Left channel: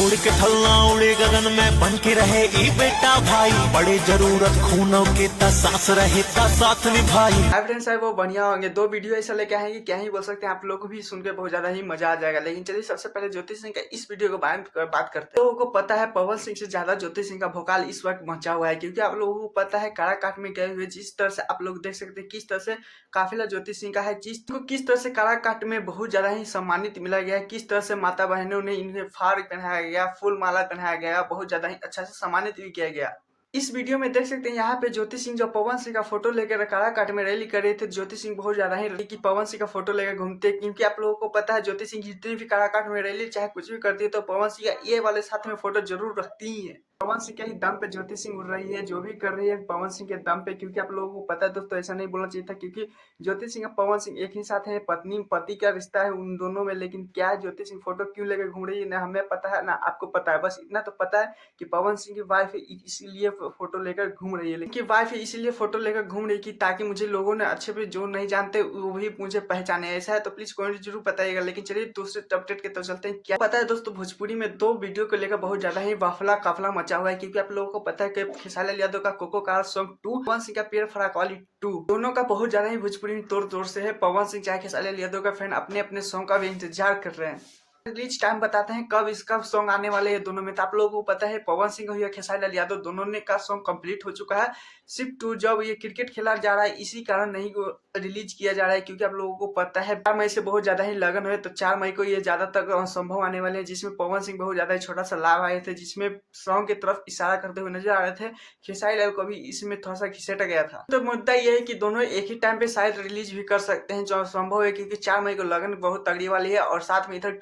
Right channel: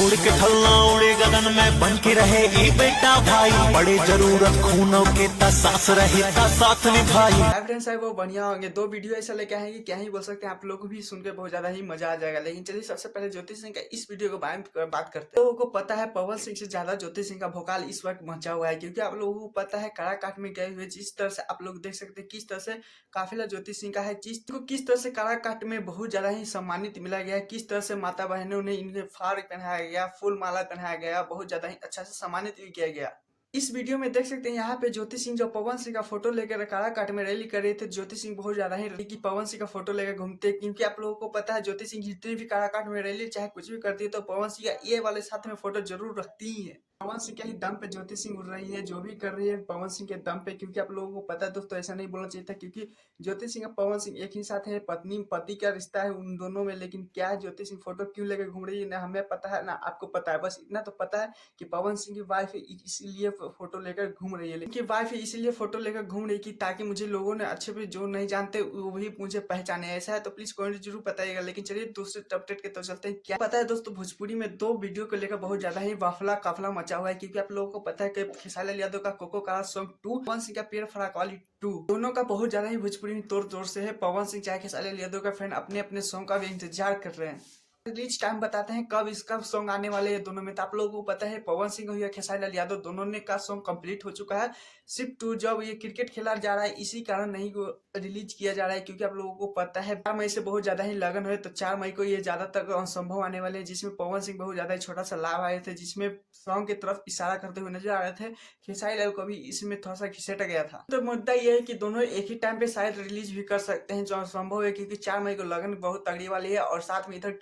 छोड़ के थलना उड़े गगन में बन के रहे ई बेटा भाई, बड़े जरूरत खूनों के ता सांस रहे ता साथ निभाई। हाय फ्रेंड्स, है वो बढ़िया होंगे। दो वीडियो ऐसा लेके आए कि क्या ही बोल सकते हैं, आप लोगों को भी सुन के बहुत ज्यादा ही मजा आ जाएगा। लेकिन चलिए सबसे पहले ज्योति सिंह का इस वीडियो के बारे में बात करते हैं। तो लोगों को पता है पवन सिंह से ज्यादा ज्योति सिंह का भोकाल इस वक्त मचा हुआ है, क्योंकि आप लोगों को पता है काराकाट में गए हुए जिस तरह से आप लोग देख सकते हैं किस तरह से काफिला ज्योति सिंह का है, किस तरह से काराकाट में बहुत ज्यादा ही सम्मानित मिला गया है, किस तरह से माता बहनों ने इन्हें फाड़ पहनाया गया, फूल माला पहनाया गया, बहुत ज्यादा ही अच्छा से सम्मानित भी किया गया। इस वीडियो में देख सकते हैं यहाँ पे ज्योति सिंह जो पवन सिंह का फोटो लेकर काराकाट में रैली कर रहे थे। ज्योति सिंह बहुत ज्यादा ही रैली की पवन सिंह का फोटो लेकर घूमते, क्योंकि आप लोगों को पता है ज्योति सिंह जितनी भी काराकाट में रैली चाहे कुछ भी करती है तो पवन सिंह का ये वाले साथ में फोटो जरूर रखती ही है। पवन सिंह के ही दम पे ज्योति सिंह उड़ रही है, जो भी कर रही है पवन सिंह के दम पे, क्योंकि आप लोगों को पता है दोस्तों ऐसा नहीं बोलना चाहिए था, क्योंकि ज्योति सिंह और पवन सिंह एक ही साथ है, पत्नी पति का रिश्ता है उन दोनों में। लेकिन क्या है ज्योति सिंह फोटो क्यों लेकर घूम रही है ना हमें पता है ना आपको पता है, बस इतना तो पता है कि पवन सिंह की वाइफ इसीलिए फोटो लेकर घूम रही है। लेकिन वाइफ इसीलिए फोटो लेकर घूम रही है ताकि मुझे लोगों ने अच्छे पे जो नहीं जानते वो भी मुझे पहचाने। ऐसा है तो प्लीज कमेंट जरूर बताइएगा। लेकिन चलिए दूसरे अपडेट के तो चलते हैं। क्या पता है दोस्तों, भोजपुरी में दो वीडियो को लेकर बहुत ज्यादा ही वाफला काफला मचा हुआ है, क्योंकि आप लोगों को पता है कि खेसारी लाल यादव का cocoa car song 2, Pawan Singh का पेड़ फराक वाली 2, दोनों का बहुत ज्यादा ही भोजपुरी में तोड़ तोड़ से है। पवन सिंह चाहे खेसारी लाल यादव का फैन अपने अपने सॉन्ग का भी इंतजार कर रहे हैं। रिलीज टाइम बताते हैं कब इसका सॉन्ग आने वाले हैं दोनों में। तो आप लोगों को पता है पवन सिंह या खेसारी लाल यादव दोनों ने का सॉन्ग कंप्लीट हो चुका है। सिर्फ 2 जब ये क्रिकेट खेला जा रहा है इसी कारण नहीं रिलीज किया जा रहा है, क्योंकि आप लोगों को पता है 4 मई से बहुत ज्यादा ही लगन है, तो 4 मई को ये ज्यादातर संभव आने वाले हैं, जिसमें पवन सिंह बहुत ज्यादा ही छोटा सा लाभ आए थे, जिसमें सॉन्ग की तरफ इशारा करते हुए नजर आ रहे थे। खेसारी लाल को भी इसमें थोड़ा सा घिसेटा गया था। तो मुद्दा यह है कि दोनों एक ही टाइम पे शायद रिलीज भी कर सकते हैं, जो संभव है, क्योंकि 4 मई को लगन बहुत तगड़ी वाली है। और साथ में इधर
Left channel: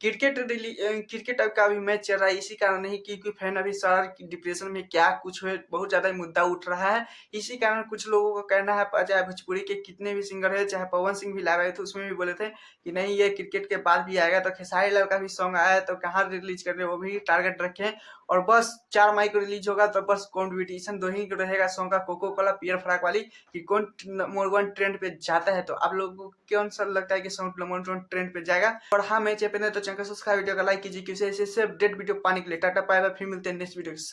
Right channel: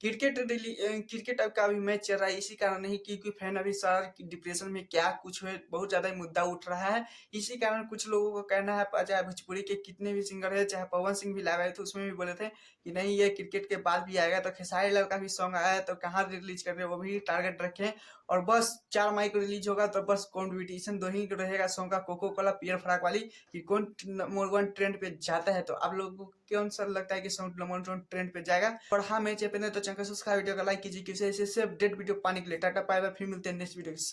क्रिकेट का भी मैच चल रहा है, इसी कारण नहीं क्योंकि फैन अभी सारा डिप्रेशन में क्या कुछ है, बहुत ज्यादा मुद्दा उठ रहा है। इसी कारण कुछ लोगों का कहना है, चाहे भोजपुरी के कितने भी सिंगर है, चाहे पवन सिंह भी लाइव आए थे उसमें भी बोले थे कि नहीं ये क्रिकेट के बाद भी आएगा। तो खेसारी लाल का भी सॉन्ग आया है, तो कहाँ रिलीज कर रहे हैं वो भी टारगेट रखे। और बस 4 मई को रिलीज होगा, तो बस कॉम्पिटिशन दो ही रहेगा सॉन्ग का, कोको कोला पियर फ्राक वाली, कि कौन नंबर 1 ट्रेंड पे जाता है। तो आप लोगों को कौन सा लगता है कि सॉन्ग नंबर 1 ट्रेंड पे जाएगा। और हाँ, मैं चैनल तो चैनल सब्सक्राइब वीडियो का लाइक कीजिए, क्योंकि ऐसे अपडेट वीडियो पाने के लिए। टाटा बाय बाय, फिर मिलते हैं नेक्स्ट वीडियो।